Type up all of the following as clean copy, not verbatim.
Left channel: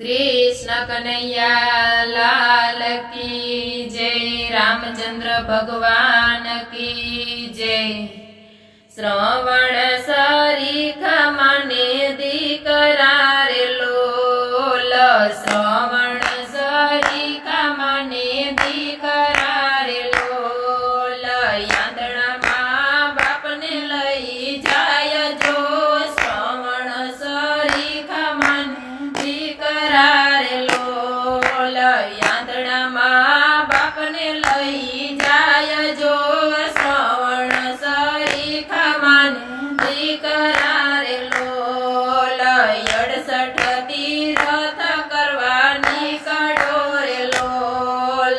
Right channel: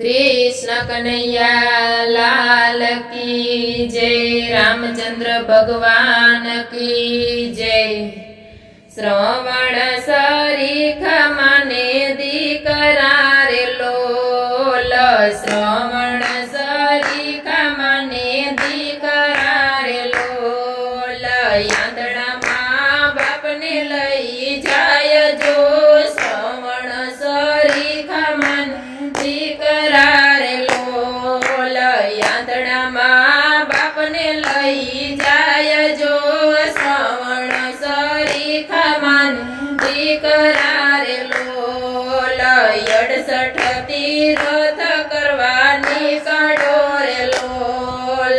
कृष्ण कन्हैया लाल की जय। रामचंद्र भगवान की जय। श्रवण सरीखा माने दीकरा रे लोल। श्रवण सरीखा माने दीकरा रे लोल। यांदड़ा माँ बाप ने लई जाय जो। श्रवण सरीखा माने दीकरा रे लोल। यांदड़ा माँ बाप ने लई जाय जो। श्रवण सरीखा माने दीकरा रे लोल। 68 तीरथ करवा निकळ्यो रे लोल।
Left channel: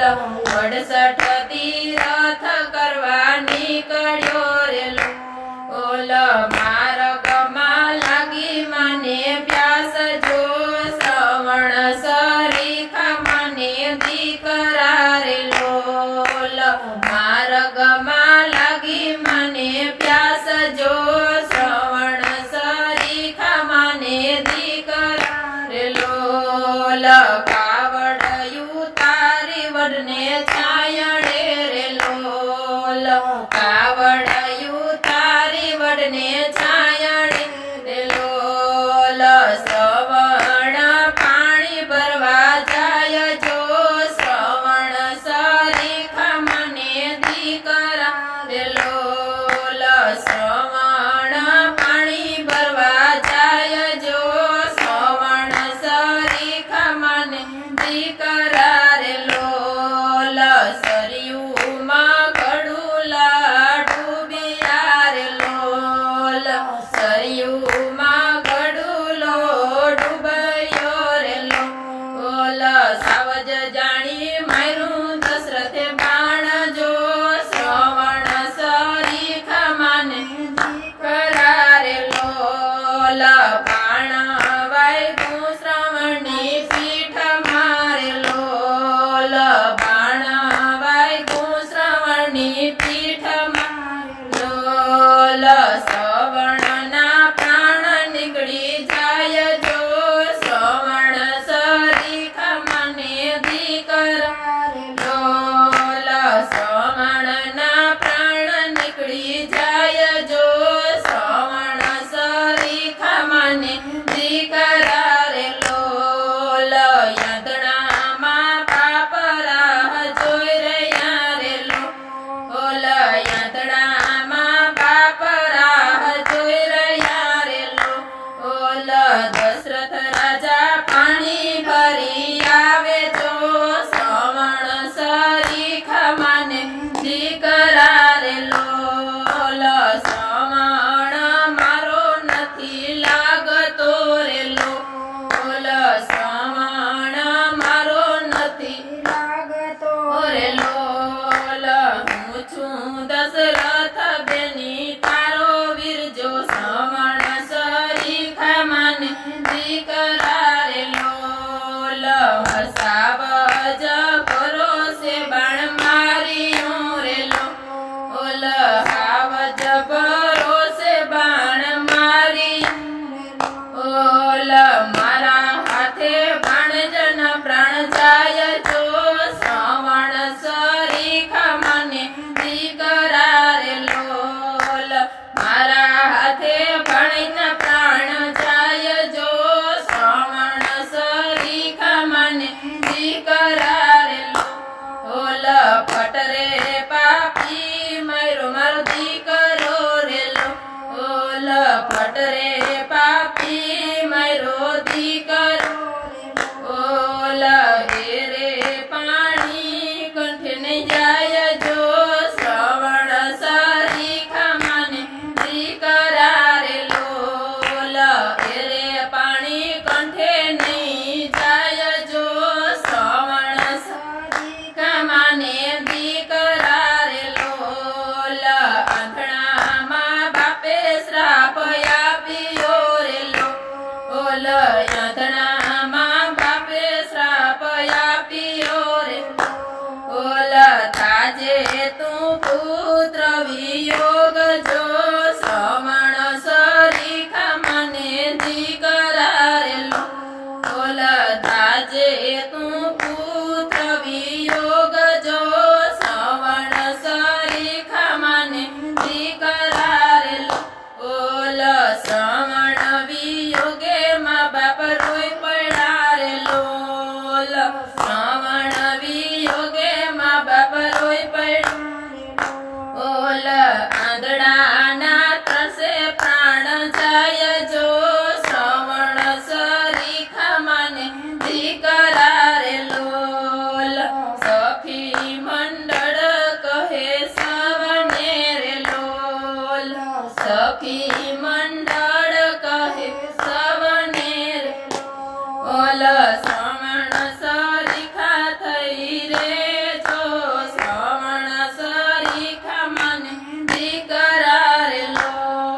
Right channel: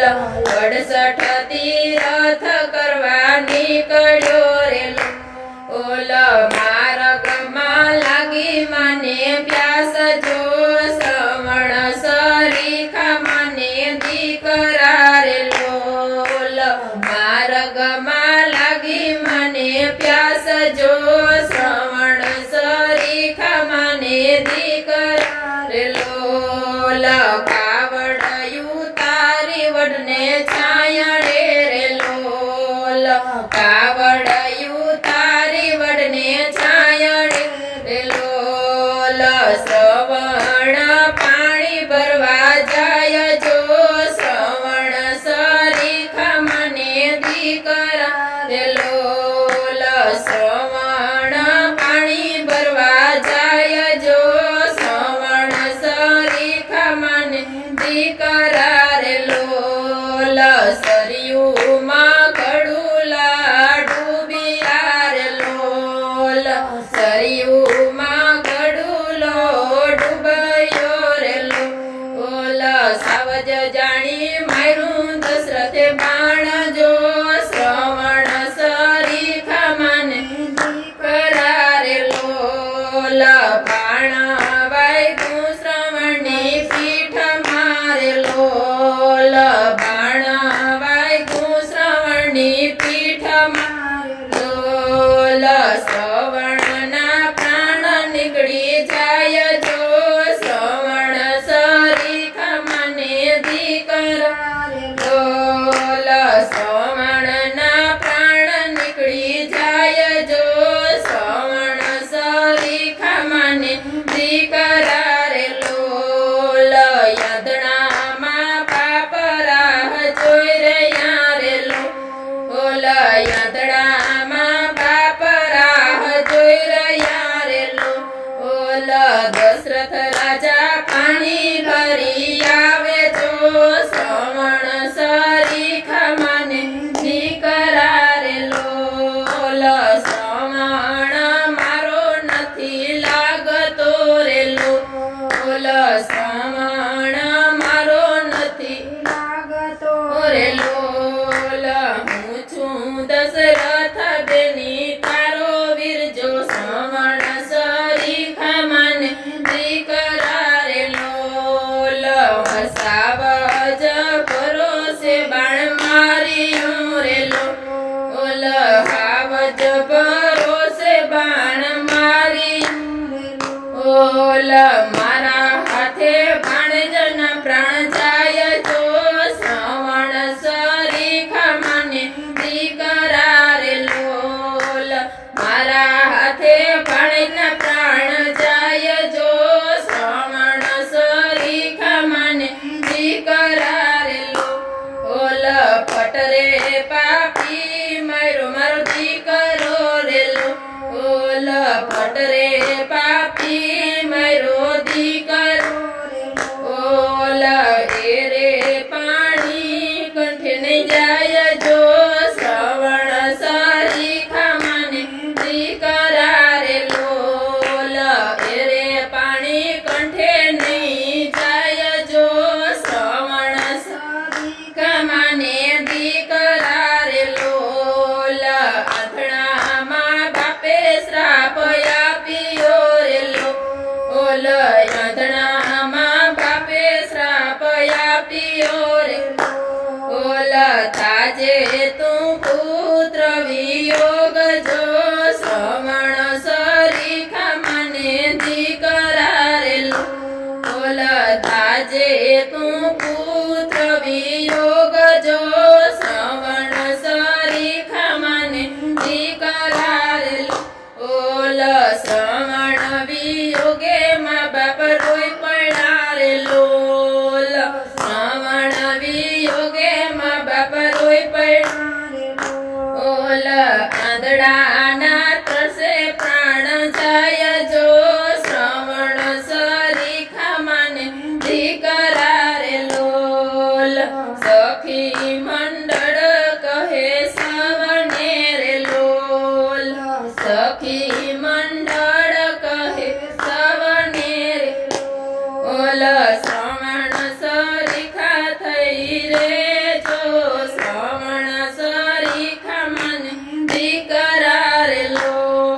68 तीरथ करवा निकळ्यो रे लोल। मार्गમાં લાગી મને પ્યાસ જો। શ્રવણ સરીખા મને દીકરા રે લોલ। માર્ગમાં લાગી મને પ્યાસ જો। શ્રવણ સરીખા મને દીકરા રે લોલ। કાવડયું તારી વડને છાયડે રે લોલ। કાવડયું તારી વડને છાયડે રે લોલ। શ્રવણ પાણી ભરવા જાય જો। શ્રવણ સરીખા મને દીકરા રે લોલ। શ્રવણ પાણી ભરવા જાય જો। શ્રવણ સરીખા મને દીકરા રે લોલ। સરયુમાં ગડુલા ડૂબિયા રે લોલ। સરયુમાં ગડુલો ડૂબયો રે લોલ। સાવજ જાણી માર્યું દશરથે બાણ જો। શ્રવણ સરીખા મને દીકરા રે લોલ। બાણ વાગ્યું શ્રવણની પીઠ મારે લોલ। બાણ વાગ્યું શ્રવણની પીઠ મારે લોલ। શ્રવણના પ્રાણ નીકળી જાય જો। શ્રવણ સરીખા મને દીકરા રે લોલ। શ્રવણના પ્રાણ નીકળી જાય જો। શ્રવણ સરીખા મને દીકરા રે લોલ। યંત્રણામાં પાપ રાહ જોઈ રહ્યા રે લોલ। યંત્રણામાં પાપ રાહ જોઈ રહ્યા રે લોલ। દશરથ રાજા પાણી ભરી આવે જો। શ્રવણ સરીખા મને દીકરા રે લોલ। શ્રવણ મારો નથી લાગતો રે લોલ। શ્રવણ મારો નથી લાગતો રે લોલ। હું છું દશરથ બેની તારો વીર જો। શ્રવણ સરીખા મને દીકરા રે લોલ। સાવજ પર આજે તું